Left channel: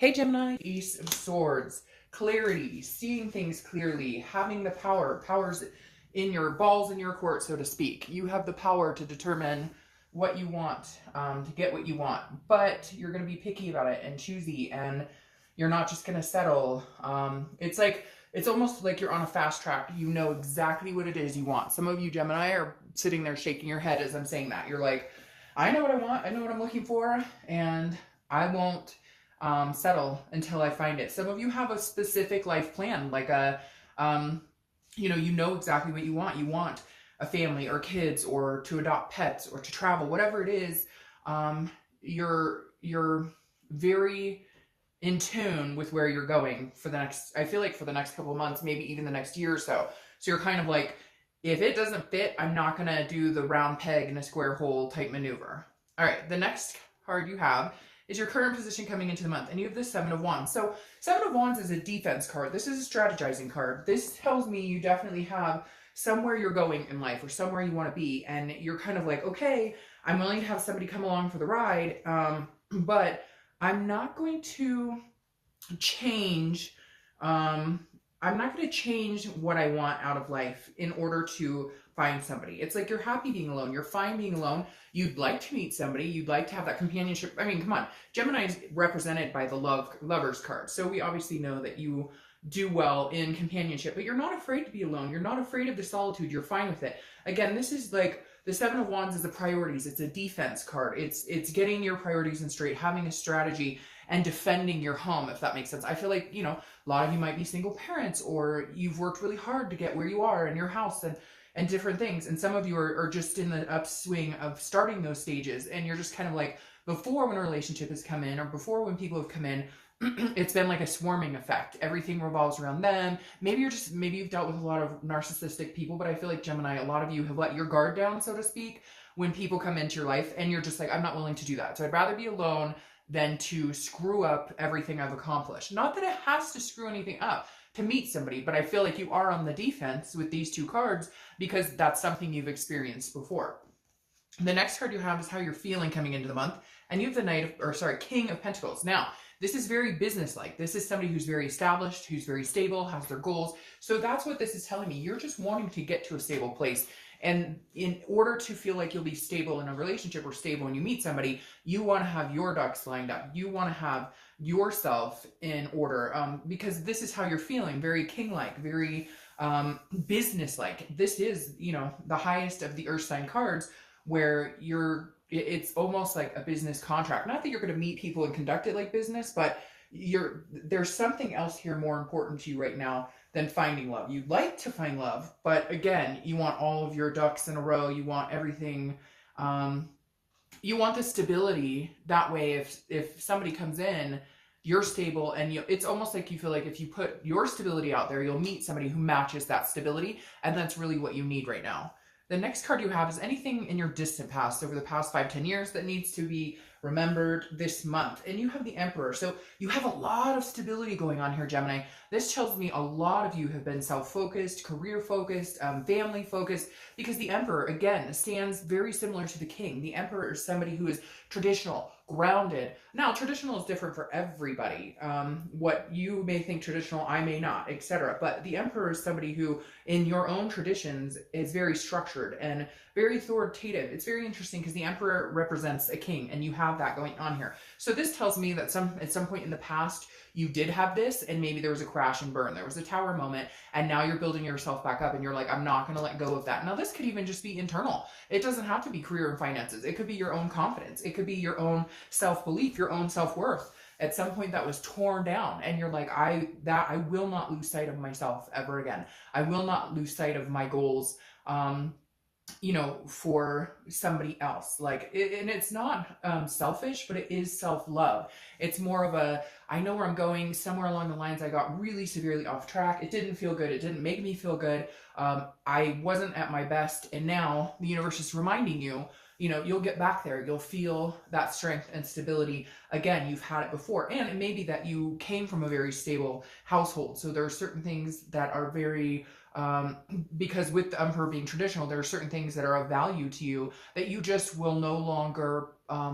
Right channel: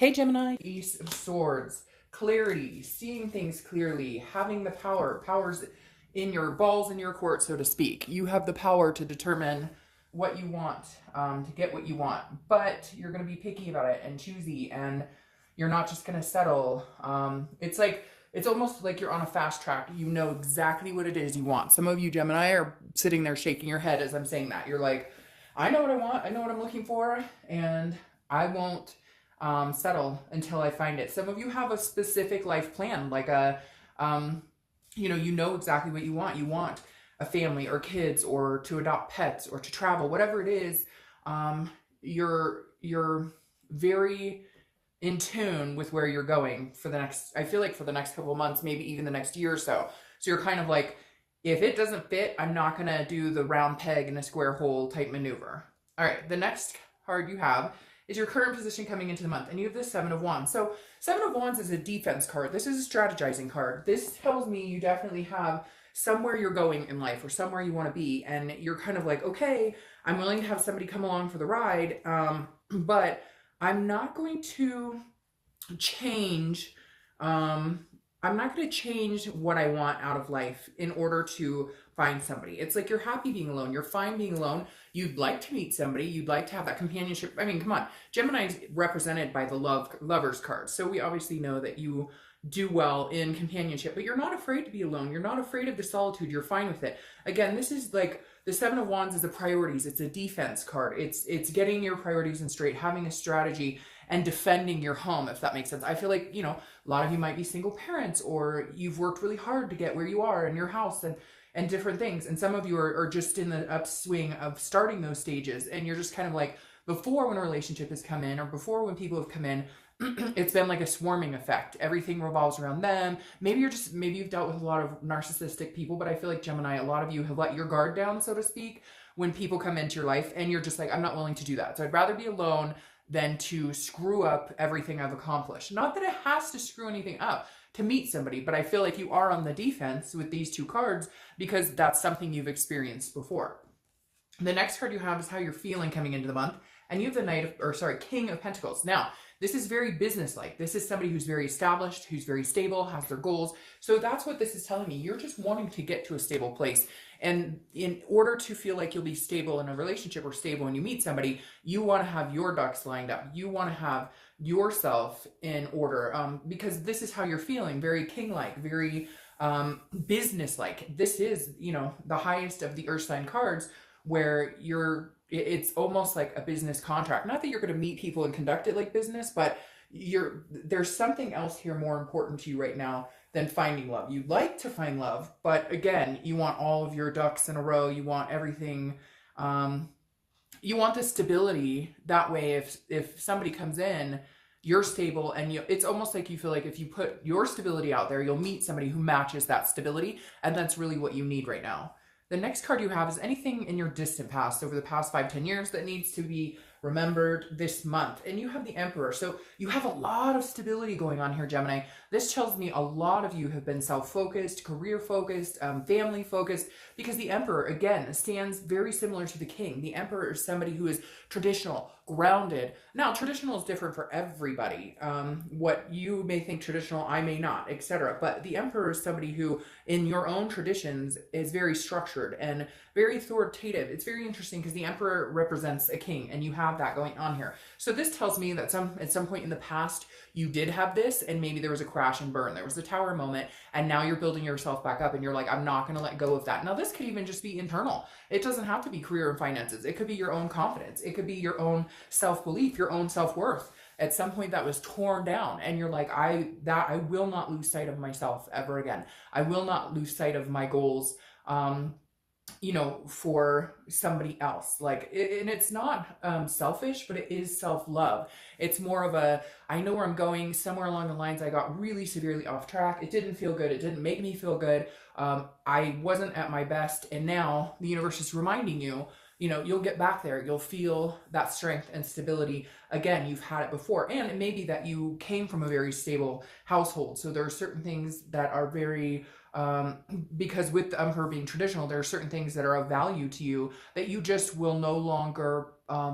Hey Gemini, Ace of Swords, clarity, seeing things clearly, having the powers in your balls in your court, so to speak. You have the power to determine what you want, to get what you want, but you're going to be picky about it and choosy, and you're not just going to settle. It's almost like you're on a fast track. You know exactly what it is you want. Some of you Gemini are sitting there shaking your head as I'm saying that. You're like, I know what I want, I know what I'm looking for, and I won't settle until I find it. Some of you have a specific life plan, like you know exactly what you want. You want a family or kids or to adopt pets or to travel, whatever it is. You're very in tune with where you're going for the next, I feel like for the next couple of months, maybe even the next year or so. So you're kind of like, if it doesn't fit, I'm not going to do the round peg in a square hole type maneuver. All right, the next card you have is your current position coming into the month, and you have the Seven of Wands. So Seven of Wands is a defense card. This is a strategizing card. This tells me you definitely have somewhere you're going in life or somewhere you want to be, and you're kind of like, okay, I'm willing to have somebody come along for the ride, but I'm not going to change. I'm not going to change what I want out of life in order to find somebody. It's like you're happy being alone. You're fine being alone. You'd like to meet somebody. You'd like to have that companionship. I mean, come on. Gemini is represented by the lovers card. So we obviously know that you do well in companionship, but you're not afraid to be alone. You're not afraid of the solitude. You're fine with it. Again, this is like the Seven of Wands is the priorities. It's a defense card. It's getting your priorities in straight, having a strategy, and defending your home, if that makes sense. I feel like, a lot of you might be single parents, or you've worked really hard to get where you are in your house and different things. And some of you are just in the upswing of starting those stages, and you're just kind of like, before when a relationship has come in, or before when people have come in, it's been like a swarming effect. Everything revolves around them. Maybe you've dealt with a lot of narcissistic people, but I feel like Gemini, a lot of you have let your guard down, so to speak, when people come into your life, and you're just like, I'm not willing to do that. So I'd rather be alone than to screw up everything I've accomplished. Not that it has to screw anything up to meet somebody, but I feel like you are on the defense with these two cards because that's something you've experienced before. The next card you have is how you're feeling coming into the month, and you have the King of Pentacles. Now, this is very business-like. This is somebody who's very established, who's very stable, has their goals. So that's what this is telling me. You're just wanting to get to a stable place. And in order to feel like you'll be stable in a relationship or stable when you meet somebody, you want to have your ducks lined up. You want to have yourself in order because this is how you're feeling. Very king-like, very business-like. This is, the highest of the earth sign cards where it's almost like a business contract. Not that you're going to meet people and conduct it like business, but there's something else here more important to you right now than finding love. You'd like to find love, but again, you want all of your ducks in a row. You want everything. You want the stability. That way, if somebody comes in, you're stable, and it's almost like you feel like if you put your stability out there, you'll meet somebody who matches that stability, and that's really what you need right now. The next card you have is anything in your distant past, over the past 5-10 years, that needs to be remembered this month. And you have the Emperor. So you have a lot of stability going on here, Gemini. This tells me a lot of you have been self-focused, career-focused, family-focused, because the Emperor, again, stands very similar to the King. The Emperor is somebody who is traditional, grounded. Now, traditional is different for everybody. What you may think traditional, I may not, etc. But the Emperor is somebody who, in your own traditions, is very structured and very authoritative. It's very interesting because the Emperor represents a king, and you have that going on here. So this tells me that at some point in the past, you did have this, and maybe there was a crash and burn. There was a tower moment, and now you're building yourself back up, and you're like, I'm not going to let go of that. Now, this could even just be internal. It doesn't have to be career and finances. It could be your own confidence. It could be your own self-belief, your own self-worth. At some point that was torn down, and you're like, I will not lose sight of myself ever again. I will not lose sight of my goals, for somebody else. And it's not selfish, but it is self-love. It's more of I know where I'm going. Somewhere along the lines, I got really severely off track. It didn't feel good. It didn't make me feel good. I wasn't at my best, and now the universe is reminding you, you'll get back there. You'll feel that strength and stability again. You've had it before, and it may be that you came from a very stable household. So there are certain things that are very because with the Emperor being traditional, there are certain things that are of value to you that you just will no longer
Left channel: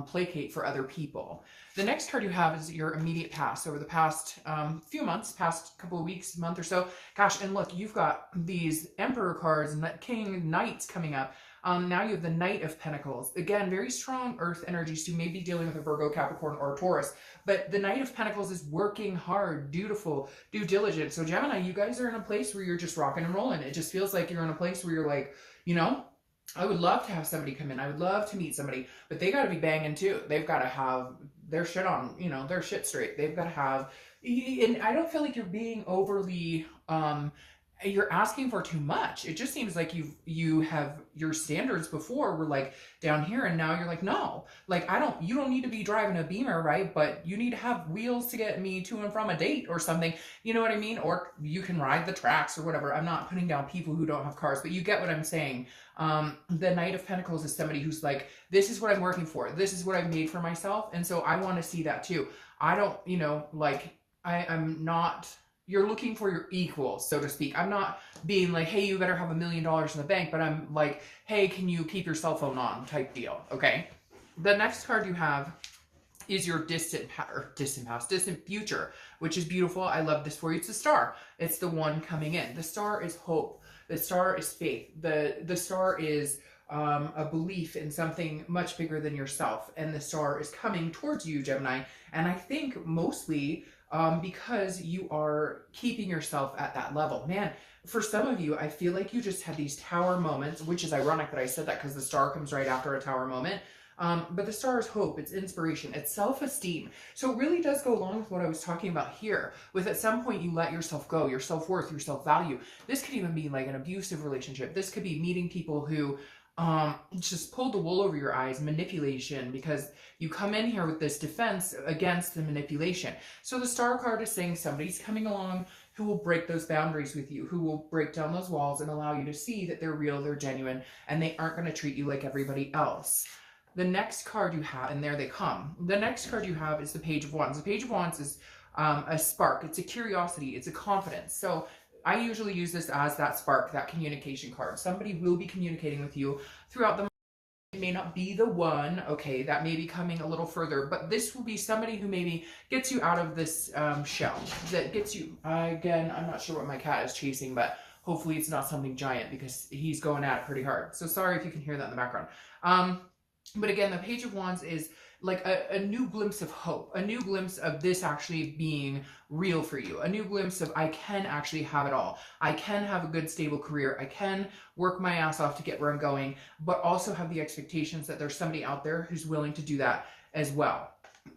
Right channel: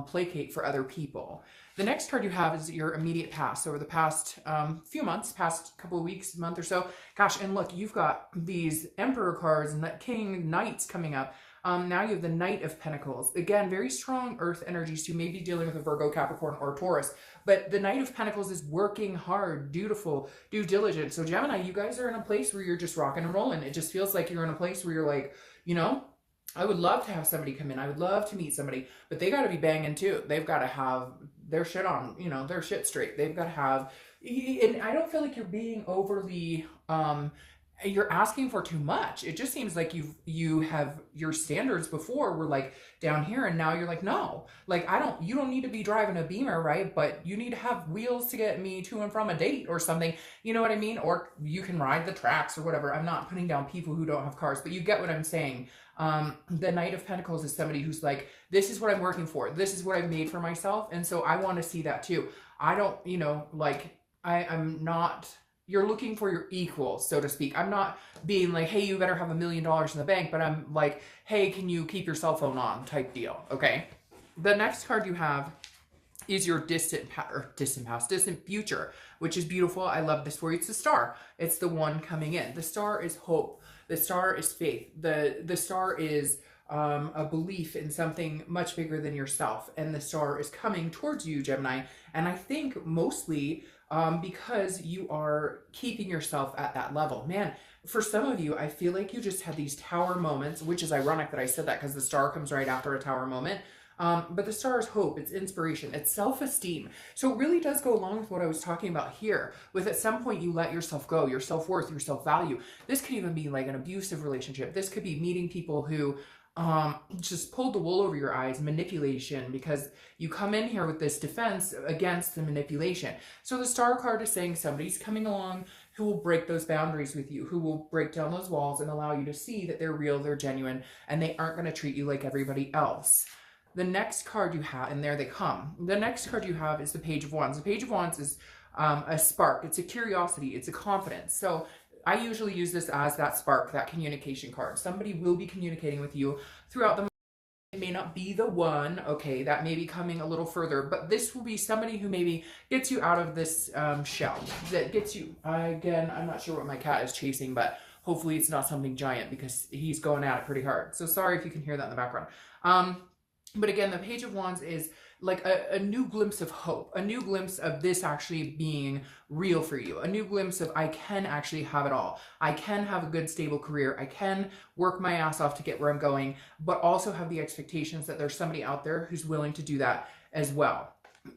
placate for other people. The next card you have is your immediate past. Over the past few months, past couple of weeks, month or so. Gosh, and look, you've got these Emperor cards and King, Knights coming up. Now you have the Knight of Pentacles. Again, very strong earth energies. You may be dealing with a Virgo, Capricorn, or a Taurus. But the Knight of Pentacles is working hard, dutiful, due diligence. So Gemini, you guys are in a place where you're just rocking and rolling. It just feels like you're in a place where you're like, you know, I would love to have somebody come in. I would love to meet somebody. But they got to be banging too. They've got to have their shit on, you know, their shit straight. They've got to have, and I don't feel like you're being overly, you're asking for too much. It just seems like you have your standards before were like down here, and now you're like, no, like you don't need to be driving a Beamer, right? But you need to have wheels to get me to and from a date or something. You know what I mean? Or you can ride the tracks or whatever. I'm not putting down people who don't have cars, but you get what I'm saying. The Knight of Pentacles is somebody who's like, this is what I'm working for. This is what I've made for myself. And so I want to see that too. I don't, you know, like I'm not, you're looking for your equal, so to speak. I'm not being like, hey, you better have $1 million in the bank, but I'm like, hey, can you keep your cell phone on type deal, okay? The next card you have is your distant future, which is beautiful. I love this for you. It's the Star. It's the one coming in. The Star is hope. The Star is faith. The Star is a belief in something much bigger than yourself. And the Star is coming towards you, Gemini. And I think mostly because you are keeping yourself at that level. Man, for some of you, I feel like you just had these tower moments, which is ironic that I said that because the Star comes right after a tower moment. But the Star is hope, it's inspiration, it's self-esteem. So it really does go along with what I was talking about here. With at some point you let yourself go, your self-worth, your self-value. This could even be like an abusive relationship. This could be meeting people who just pulled the wool over your eyes, manipulation, because you come in here with this defense against the manipulation. So the Star card is saying somebody's coming along who will break those boundaries with you, who will break down those walls and allow you to see that they're real, they're genuine, and they aren't going to treat you like everybody else. The next card you have, and there they come. The next card you have is the Page of Wands. The Page of Wands is a spark. It's a curiosity. It's a confidence. So I usually use this as that spark, that communication card. Somebody will be communicating with you throughout the month. It may not be the one, okay, that may be coming a little further, but this will be somebody who maybe gets you out of this shell, that gets you, again, I'm not sure what my cat is chasing, but hopefully it's not something giant because he's going at it pretty hard. So sorry if you can hear that in the background. But again, the Page of Wands is like a new glimpse of hope, a new glimpse of this actually being real for you, a new glimpse of I can actually have it all. I can have a good, stable career. I can work my ass off to get where I'm going, but also have the expectations that there's somebody out there who's willing to do that as well.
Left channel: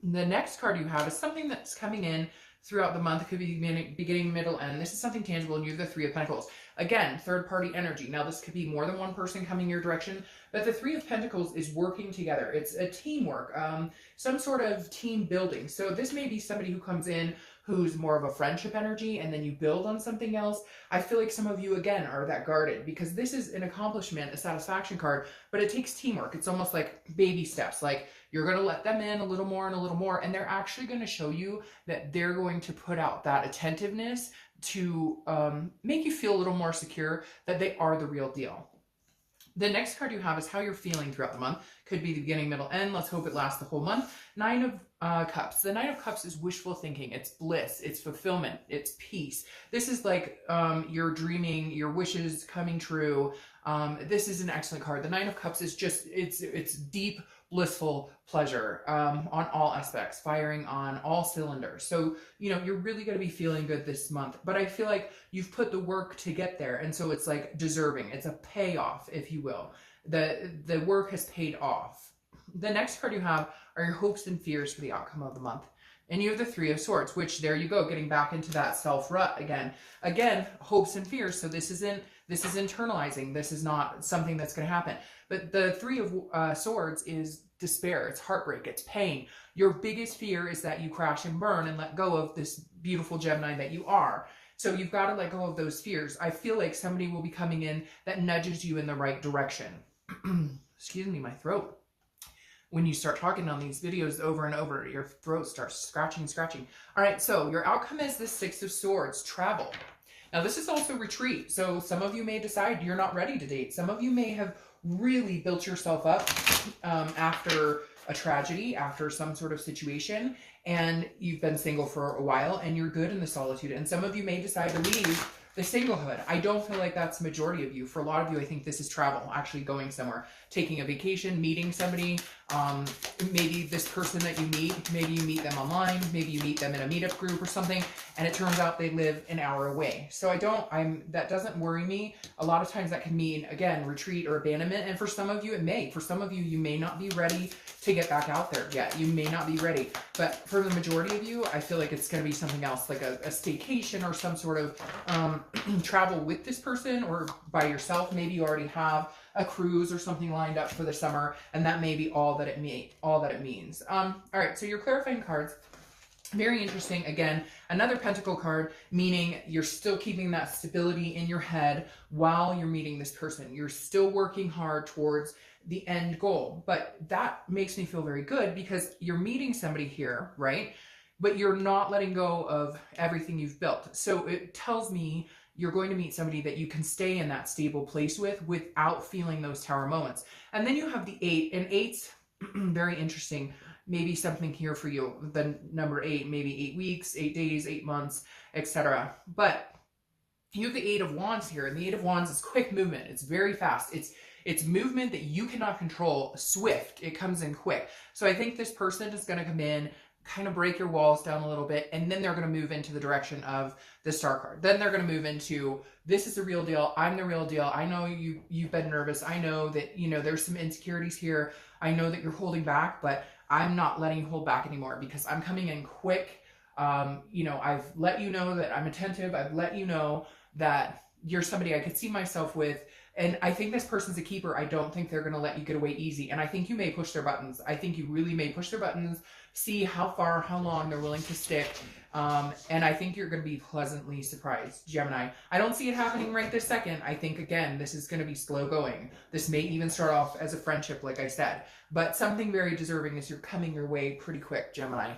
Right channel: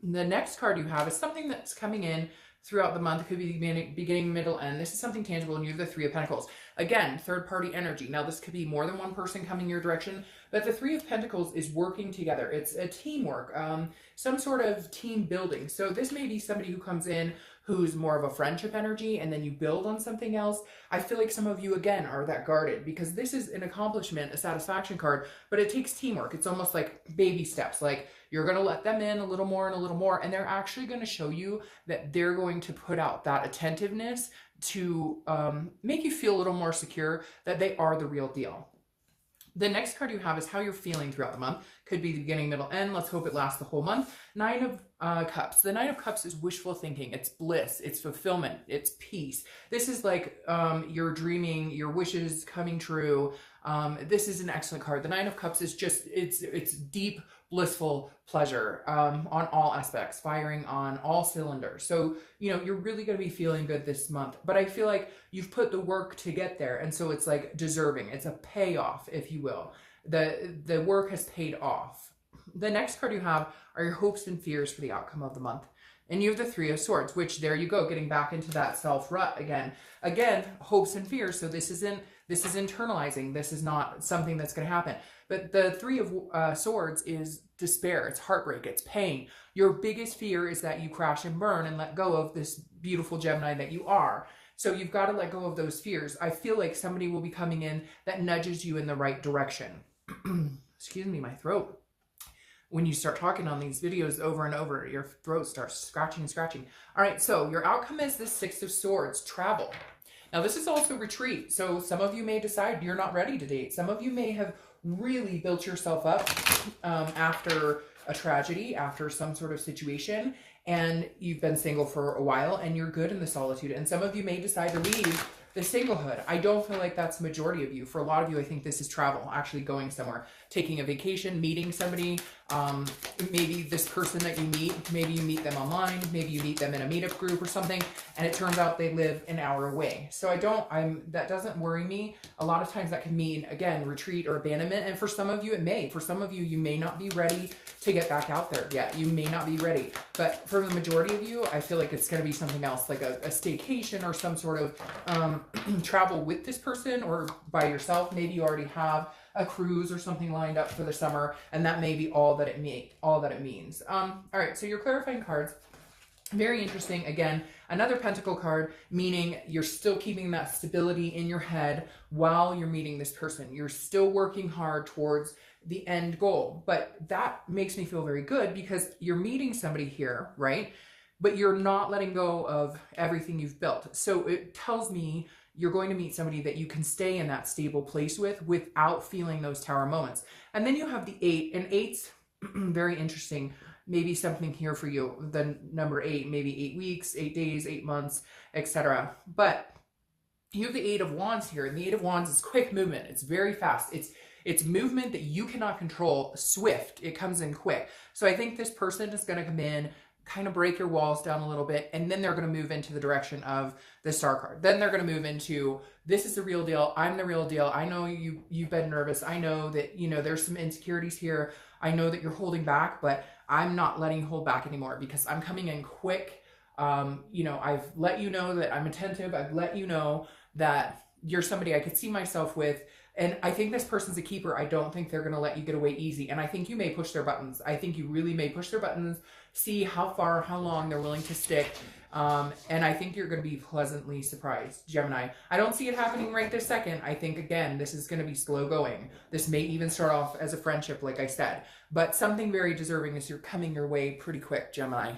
The next card you have is something that's coming in throughout the month. It could be beginning, middle, end. This is something tangible, and you have the Three of Pentacles. Again, third-party energy. Now, this could be more than one person coming your direction, but the Three of Pentacles is working together. It's a teamwork, some sort of team building. So this may be somebody who comes in who's more of a friendship energy, and then you build on something else. I feel like some of you, again, are that guarded, because this is an accomplishment, a satisfaction card, but it takes teamwork. It's almost like baby steps. Like, you're going to let them in a little more and a little more, and they're actually going to show you that they're going to put out that attentiveness to make you feel a little more secure that they are the real deal. The next card you have is how you're feeling throughout the month. Could be the beginning, middle, end. Let's hope it lasts the whole month. Nine of Cups. The Nine of Cups is wishful thinking. It's bliss. It's fulfillment. It's peace. This is like your dreaming, your wishes coming true. This is an excellent card. The Nine of Cups is just, it's deep, blissful pleasure on all aspects, firing on all cylinders. So, you know, you're really going to be feeling good this month, but I feel like you've put the work to get there. And so it's like deserving. It's a payoff, if you will. The work has paid off. The next card you have are your hopes and fears for the outcome of the month. And you have the Three of Swords, which there you go, getting back into that self-rut again. Again, hopes and fears. So this is internalizing. This is not something that's going to happen. But the Three of Swords is despair. It's heartbreak. It's pain. Your biggest fear is that you crash and burn and let go of this beautiful Gemini that you are. So you've got to let go of those fears. I feel like somebody will be coming in that nudges you in the right direction. Excuse me, my throat. When you start talking on these videos over and over, your throat starts scratching. All right, so your outcome is this Six of Swords, travel. Now, this is also retreat. So some of you may decide you're not ready to date. Some of you may have really built yourself up after a tragedy, after some sort of situation, and you've been single for a while and you're good in the solitude. And some of you may decide to leave the singlehood. I don't feel like that's the majority of you. For a lot of you, I think this is travel, actually going somewhere, taking a vacation, meeting somebody. Maybe this person that you meet, maybe you meet them online, maybe you meet them in a meetup group or something, and it turns out they live an hour away. So that doesn't worry me. A lot of times that can mean, again, retreat or abandonment. And for some of you, it may. For some of you, you may not be ready to get back out there yet. You may not be ready. But for the majority of you, I feel like it's going to be something else, like a staycation or some sort of travel with this person, or by yourself. Maybe you already have a cruise or something lined up for the summer, and that may be all that it means. All right, so your clarifying cards, very interesting. Again, another pentacle card, meaning you're still keeping that stability in your head while you're meeting this person. You're still working hard towards the end goal. But that makes me feel very good, because you're meeting somebody here, right? But you're not letting go of everything you've built. So it tells me you're going to meet somebody that you can stay in that stable place with without feeling those tower moments. And then you have the 8, and 8's very interesting. Maybe something here for you. The number 8, maybe 8 weeks, 8 days, 8 months, etc. But you have the 8 of Wands here. The 8 of Wands is quick movement. It's very fast. It's movement that you cannot control, swift. It comes in quick. So I think this person is going to come in, kind of break your walls down a little bit, and then they're going to move into the direction of the Star card. Then they're going to move into, this is the real deal. I'm the real deal. I know you've been nervous. I know that, there's some insecurities here. I know that you're holding back, but I'm not letting you hold back anymore, because I'm coming in quick. I've let you know that I'm attentive. I've let you know that you're somebody I could see myself with. And I think this person's a keeper. I don't think they're going to let you get away easy. And I think you may push their buttons. I think you really may push their buttons, see how far, how long they're willing to stick. And I think you're going to be pleasantly surprised, Gemini. I don't see it happening right this second. I think, again, this is going to be slow going. This may even start off as a friendship, like I said. But something very deserving is you're coming your way pretty quick, Gemini.